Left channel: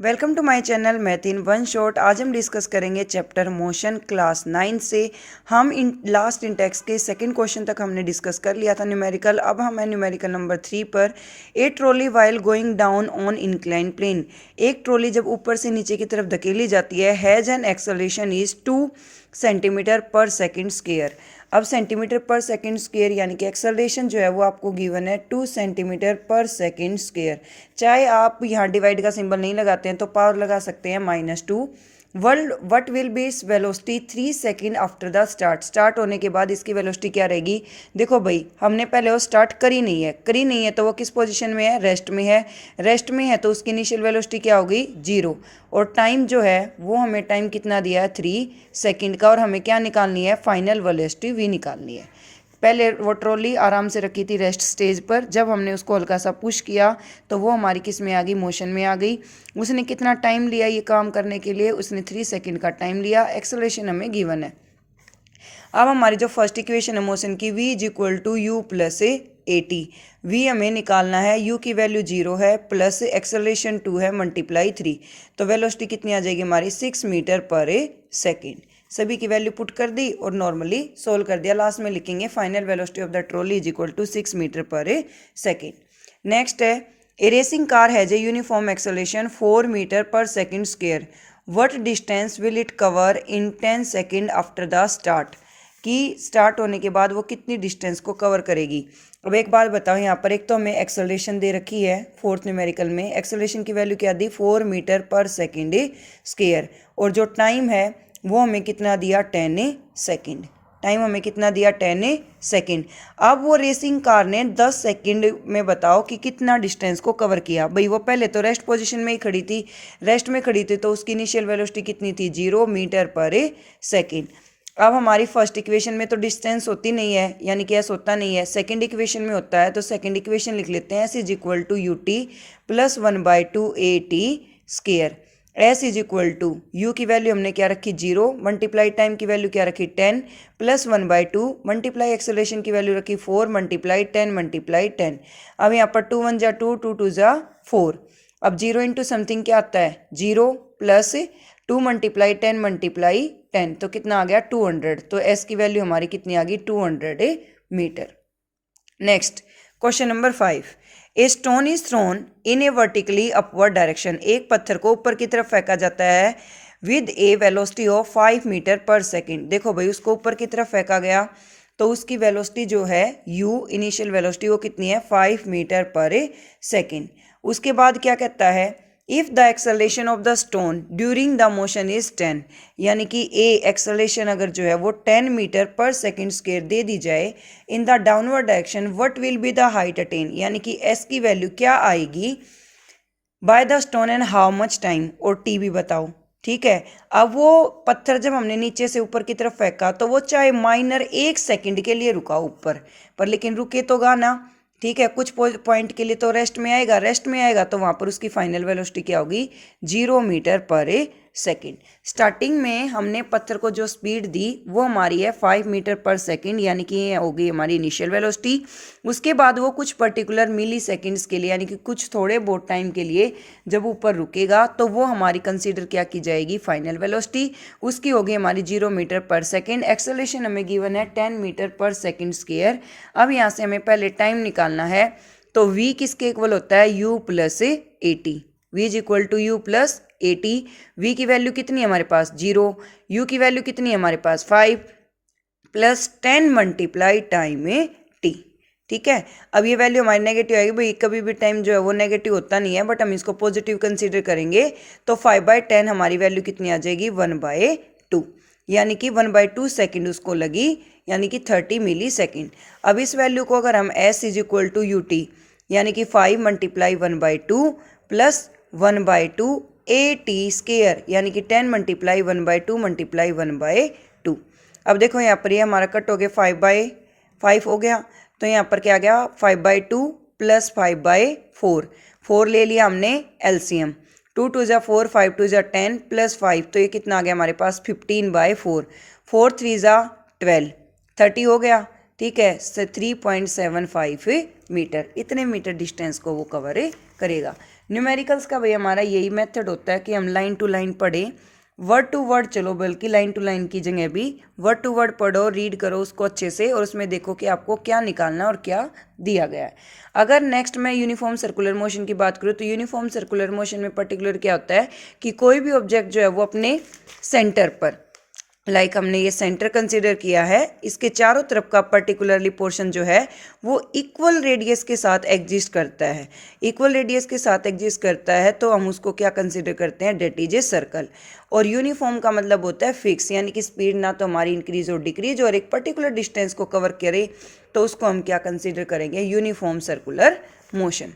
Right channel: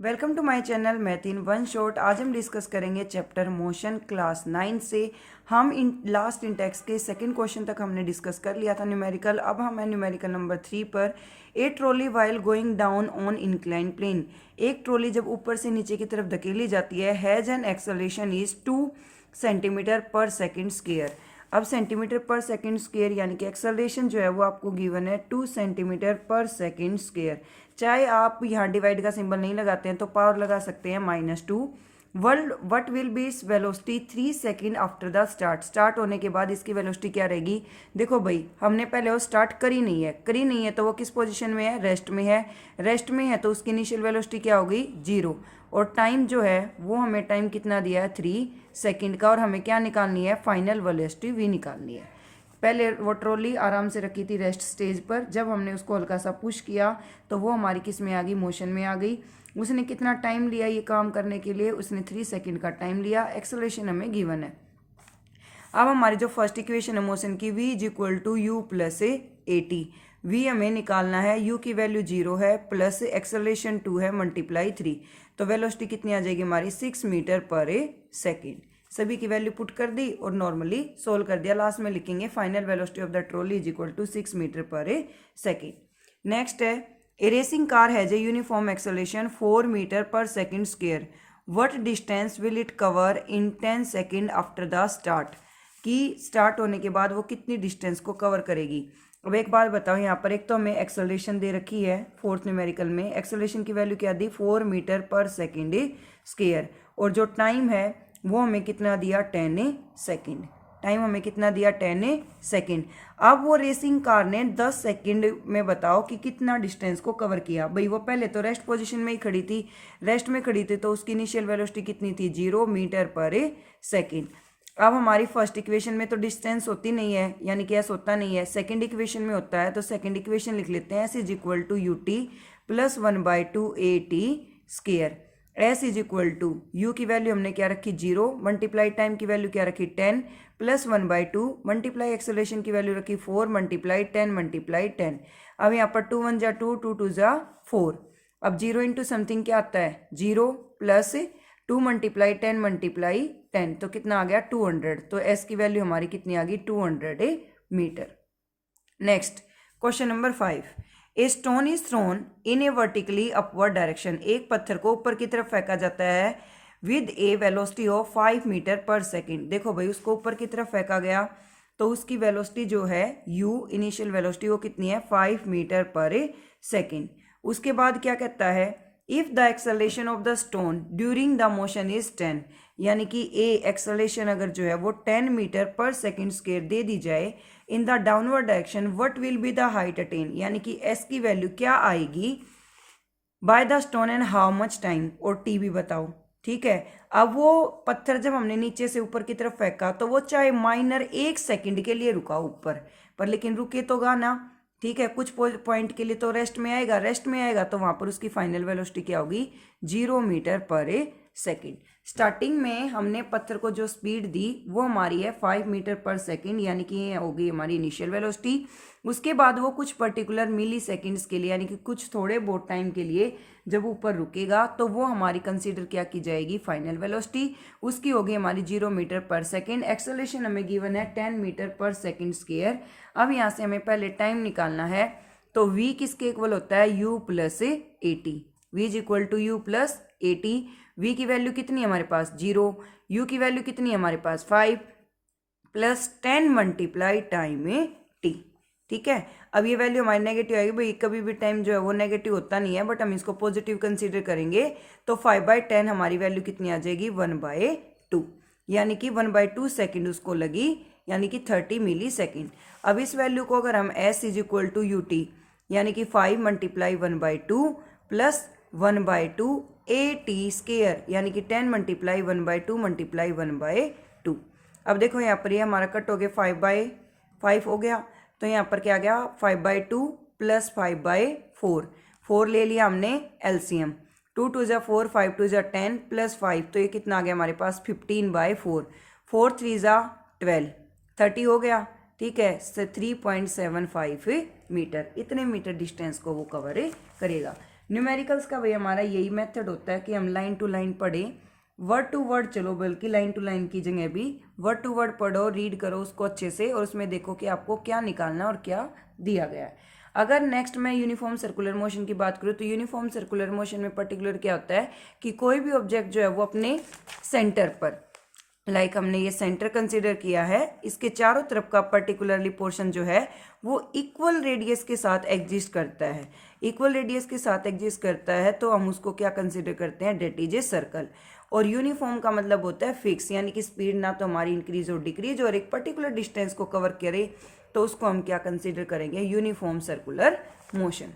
Welcome to my channel math in one shot. आज हम discuss करेंगे चैप्टर मोशन क्लास 9 से। हम इन लास्ट इंटेक्स के सेकंड क्वेश्चन तक हमने डिस्कस कर लिया था न्यूमेरिकल। अब हम है न्यूमेरिकल नंबर 3 पर। A trolley while going down on incline plane. एक ट्रॉली जब ऊपर से नीचे की तरफ धकेली जाती है, has an acceleration is 2 centimetre per second square. अब सेंटीमीटर पर सेकंड स्क्वायर यानी कि एक्सेलरेशन जो है वो आपको गिवन है 2 सेंटीमीटर पर सेकंड स्क्वायर। चाहे आप यहाँ डिवाइड का सिंबल नहीं लगाते हैं तो पावर लगा सकते हैं -2। World what will be its velocity 3 second after the start होने के बाद इसकी वेलोसिटी क्या रहेगी। देखो भाई, हमने पहले वो स्टार्ट करी नहीं है तो वो किस पोजीशन में है, रेस्ट में है तो उसकी इनिशियल वेलोसिटी क्या होगी, 0। और टाइम जो है वो हमें टाइम कितना दिया है, 3 सेकंड का। और हमें क्या निकालनी है, फाइनल वेलोसिटी v निकालनी है। पहले वो ट्रॉली आराम से रखी थी रेस्ट स्टेज पर, जब हमने उसको हल्का सा पुश किया तो वो हमारी किस में आ गई, मोशन में आ गई। उसने कितना टाइम लिया ये काम करने के लिए, उसने 3 सेकंड का टाइम लिया। एक्सेलरेशन हमें गिवन है। अब हमारी जो फर्स्ट इक्वेशन है मोशन की, v is equal to U plus A T. V हमें निकालना है, u की वैल्यू 0 है, प्लस एक्सेलरेशन 2 है, मल्टीप्लाई 3। तो वेलोसिटी कितनी आ जाएगी हमारी, 6 मीटर पर सेकेंड। सभी की वैल्यू पुट कर दी और नॉर्मली सोल्व कर दिया। लास्ट में लिखेंगे final velocity of the trolley is equal to 6 metre per second. Next है, a racing car has a uniform acceleration 4 metre per second square. What distance will it cover in 10 second after the start. कि start होने के बाद वो कितनी distance को cover करेगी। अब एक बात बताओ, यहाँ पर एक तो हमें एक्सेलरेशन दे रखी है फोर्थ न्यूमेरिकल में। एक्सेलरेशन की वैल्यू क्या दी, 4 मीटर पर सेकेंड स्क्वायर। और जो टाइम है वो हमें कितना दिया, 10 सेकेंड। टाइम हमें कितना दिया, 10 सेकेंड। अब वो रेसिंग कार ने 10 सेकेंड में बताओ कि कितना डिस्टेंस को कवर किया। भाई वो पहले तो रेस्ट पोजीशन में ही खड़ी थी, तो उसकी इनिशियल वेलोसिटी कितनी थी, 0 मीटर पर सेकेंड। अब हमारी फर्स्ट इक्वेशन में तो डिस्टेंस होती नहीं है, यानी कि एस होता नहीं है। सेकंड इक्वेशन में होता है, तो सेकंड इक्वेशन लिख लेते हैं, S is equal to U T plus 1/2 A T square. S is equal to U की वैल्यू हमने क्या रखी, 0, मल्टीप्लाई टाइम की वैल्यू क्या रखी, 10, प्लस 1/2 मल्टीप्लाई एक्सेलरेशन की वैल्यू रखी 4 मल्टीप्लाई 10 मल्टीप्लाई 10। अब यहाँ पर 2 1 जा 2, 2 2 जा 4। अब 0 इंटू समथिंग क्या आता है, 0 प्लस 2 मल्टीप्लाई 10 मल्टीप्लाई 10, तो कितना आ गया, 200। तो एस की वैल्यू हमारी कितनी आ गई, 200 meter. Next question number 5। A stone is thrown in a vertically upward direction. एक पत्थर को ऊपर की तरफ फेंका जाता है with a velocity of 5 meter per second. देखो भाई, उसको ऊपर की तरफ फेंका गया तो उसकी वेलोसिटी जो है u, इनिशियल वेलोसिटी वो कितनी है, 5 मीटर पर सेकेंड। उसके बाद क्या कहता है, if the acceleration of the stone during the motion is 10, यानी कि ए एक्सेलरेशन अगर जो है वो 10 मीटर पर सेकेंड स्क्वायर दे दी जाए in the downward direction, what will be the height attain, यानी कि एस की वैल्यू क्या आएगी by the stone and how much time, और टी भी बताओ। ठीक है, अब वो पत्थर जब हमने नीचे से ऊपर की तरफ फेंका तो वो चाहे माइनर 1 सेकंड के लिए रुका ऊपर पर, लेकिन रुके तो गा ना। ठीक है, कुछ पॉइंट के लिए तो रेस्ट में आएगा तो वहाँ पर उसकी फाइनल वेलोसिटी क्या होगी, 0 मीटर पर सेकेंड। स्टार्टिंग में हमने पत्थर को जो स्पीड दी वो हमारी है 5 मीटर पर सेकेंड, यानी कि ये होगी हमारी इनिशियल वेलोसिटी। उसके बाद वो कुछ पर्टिकुलर मिली सेकेंड्स के लिए, यानी कि कुछ थोड़े बहुत टाइम के लिए जब ऊपर रुकेगा तो वो हमारी कंसीडर क्या की जाएगी, फाइनल वेलोसिटी। उसकी होगी हमारी 0 मीटर पर सेकेंड। एक्सेलरेशन हमें गिवन है 10 मीटर पर सेकेंड स्क्वायर। अब यहाँ से हमें पहले टाइम निकालना है, तो v किसके इक्वल होता है, u plus A T. V is equal to U plus A T. V की वैल्यू कितनी है हमारे पास, 0, u की वैल्यू कितनी है हमारे पास, 5, प्लस 10 मल्टीप्लाई टाइम टी। ठीक है, अब ये वैल्यू हमारी नेगेटिव आएगी। भाई कभी भी टाइम जो है वो नेगेटिव होता नहीं है, बट हम इसको पॉजिटिव कंसीडर करेंगे तो 5/10 हमारी वैल्यू कितनी आ जाएगी, 1/2, यानी कि 1/2 सेकेंड उसको लगी, यानी कि 30 मिली सेकेंड। अब इस वैल्यू को अगर हम s is equal to U T, यानी कि 5 multiply 1/2 plus 1/2 A T square, यानी कि 10 मल्टीप्लाई 1/2 मल्टीप्लाई 1/2। अब देखो यहाँ पर ये हमारा कट हो गया, 5/5 हो गया, तो यहाँ पर क्या आ गया, 5/2 प्लस 5/4। 4 ले लिया हमने एलसीएम, 2 2 जा 4, 5 2 जा 10 प्लस 5, तो ये कितना आ गया हमारे पास, 15/4। 4 3 जा 12, 30 हो गया। ठीक है, 3.75 मीटर, इतने मीटर डिस्टेंस को वो कवर करेगा। न्यूमेरिकल्स का भाई हमारा यही मेथड होता है कि हम लाइन टू लाइन पढ़ें, वर्ड टू वर्ड चलो, बल्कि लाइन टू लाइन की जगह भी वर्ड टू वर्ड पढ़ो, रीड करो उसको अच्छे से और उसमें देखो कि आपको क्या निकालना और क्या दिया गया है। अगर नेक्स्ट मैं यूनिफॉर्म सर्कुलर मोशन की बात करूँ तो यूनिफॉर्म सर्कुलर मोशन में पर्टिकुलर क्या होता है कि कोई भी ऑब्जेक्ट जो है वो अपने सेंटर पर, हमने ये सेंटर कंसीडर किया है, इसके चारों तरफ का पर्टिकुलरली पोर्शन जो है वो इक्वल रेडियस के साथ एग्जिस्ट करता है। इक्वल रेडियस के साथ एग्जिस्ट करता है तो हम उसको क्या कंसीडर करते हैं, डेट इज ए सर्कल। और यूनिफॉर्म का मतलब होता है फिक्स, यानी कि स्पीड ना तो हमारी इंक्रीज और डिक्रीज और एक पर्टिकुलर डिस्टेंस को कवर करे, तो उसको हम क्या कंसीडर करेंगे, यूनिफॉर्म सर्कुलर मोशन।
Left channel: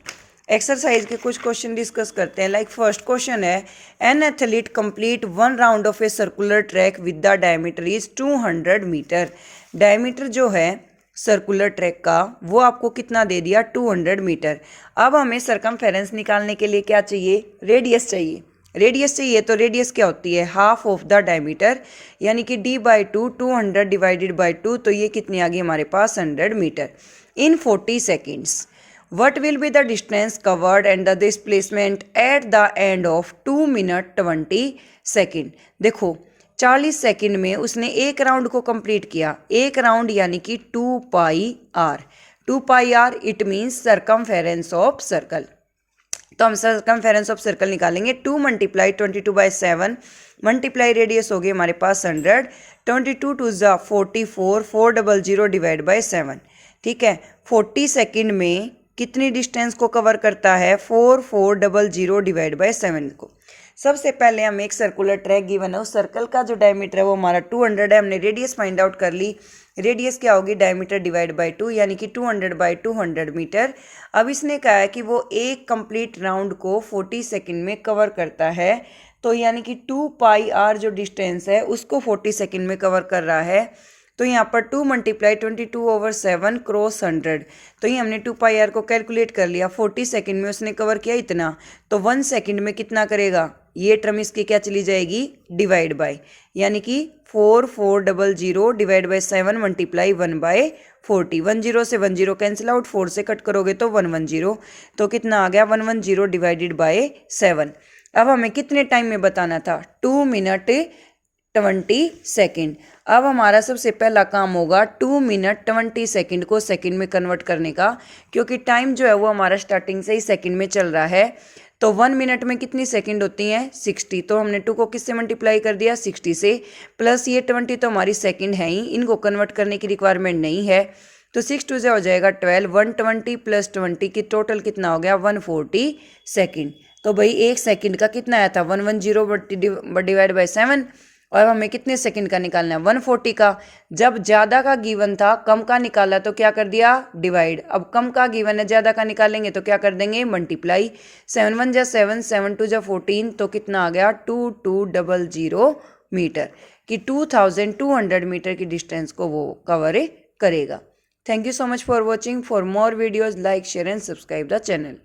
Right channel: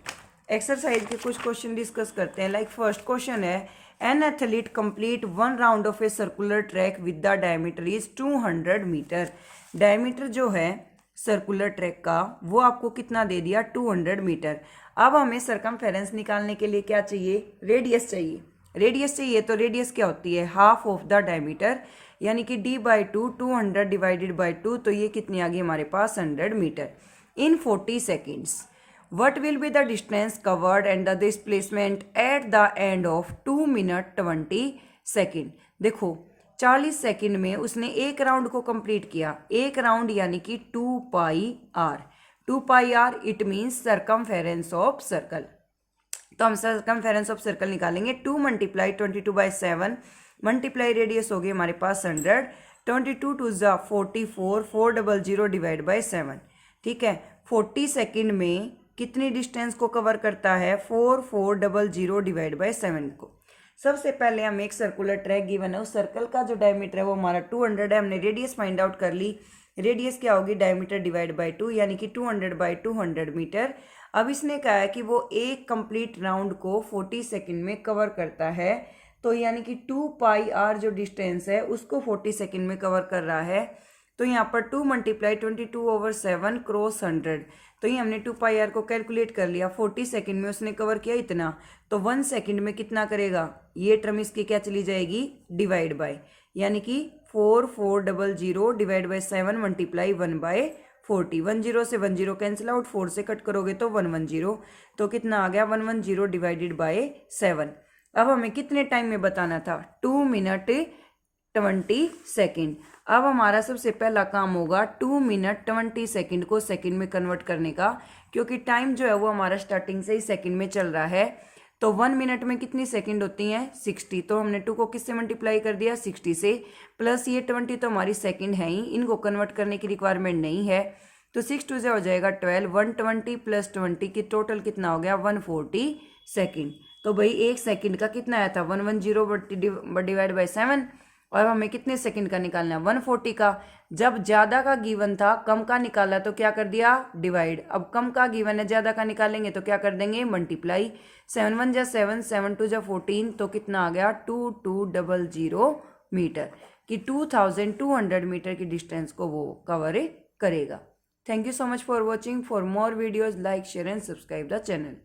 एक्सरसाइज के कुछ क्वेश्चन डिस्कस करते हैं। फर्स्ट क्वेश्चन है, an athlete complete 1 round of a circular track with the diameter is 200 meter. Diameter जो है सर्कुलर ट्रैक का वो आपको कितना दे दिया, 200 मीटर। अब हमें सरकमफेरेंस निकालने के लिए क्या चाहिए, रेडियस चाहिए। रेडियस चाहिए तो रेडियस क्या होती है, हाफ ऑफ द डायमीटर, यानी कि d/2, 200 डिवाइडेड बाई 2, तो ये कितनी आ गई हमारे पास, 100 meter in 40 seconds. What will be the distance covered and the displacement at the end of 2 minute 20 second. देखो 40 सेकेंड में उसने एक राउंड को कंप्लीट किया, एक राउंड यानी कि 2 pi r. 2 pi r it means circumference of circle. तो हम सरकमफेरेंस ऑफ सर्कल निकालेंगे, 2 मल्टीप्लाई 22/7 मल्टीप्लाई रेडियस हो गई हमारे पास 100, 22 2 ज़ा 44, 400 डिवाइड बाई 7। ठीक है, 40 सेकेंड में कितनी डिस्टेंस को कवर करता है, 4400 डिवाइड बाई 7 को। सबसे पहले हम एक सर्कुलर ट्रैक गिवन है, उस सर्कल का जो डायमीटर है वो हमारा 200 है। हमने रेडियस फाइंड आउट कर ली, रेडियस क्या होगी, डायमीटर डिवाइड बाई 2, यानी कि 200/200 मीटर। अब इसने कहा है कि वो एक कंप्लीट राउंड को 40 सेकेंड में कवर करता है, तो यानी कि 2 पाई आर जो डिस्टेंस है उसको 40 सेकेंड में कवर कर रहा है। तो यहाँ पर 2 मल्टीप्लाई 22/7 क्रॉस 100, तो ये हमने 2 पाई आर को कैलकुलेट कर लिया। 40 सेकेंड में उसने कवर किया इतना, तो 1 सेकेंड में कितना करेगा, ये टर्म इसकी क्या चली जाएगी, डिवाइड बाय, यानी कि 4400 डिवाइड बाई 7 मल्टीप्लाई 1/40। 10 से 10 कैंसिल आउट, 4 से कट करोगे तो 110, तो कितना आ गया, 110 डिवाइडेड बाई 7। अब हमें कितने टाइम में बताना था, 2 मिनट 20 सेकेंड। अब हमारा सबसे पहला काम होगा 2 मिनट 20 सेकेंड को सेकेंड में कन्वर्ट करने का, क्योंकि टाइम जो है वो हमारा स्टार्टिंग से ही सेकेंड में चल रहा है। तो 1 मिनट में कितनी सेकेंड होती हैं, 60, तो हमने 2 को किससे मल्टीप्लाई कर दिया, 60 से, प्लस ये 20 तो हमारी सेकेंड है ही, इनको कन्वर्ट करने की रिक्वायरमेंट नहीं है। तो 6 2 से हो जाएगा 12, 120 प्लस 20 की टोटल कितना हो गया, 140 सेकेंड। तो भाई एक सेकेंड का कितना आया था, 110 डिवाइड बाई 7, और हमें कितने सेकंड का निकालना है, 140 का। जब ज़्यादा का गिवन था, कम का निकाला तो क्या कर दिया, डिवाइड। अब कम का गिवन है, ज़्यादा का निकालेंगे तो क्या कर देंगे, मल्टीप्लाई। 7 1 जा 7, 7 2 जा 14, तो कितना आ गया, 2200 मीटर कि 2200 मीटर की डिस्टेंस को वो कवर करेगा। Thank you so much for watching. For more videos like share and subscribe the channel.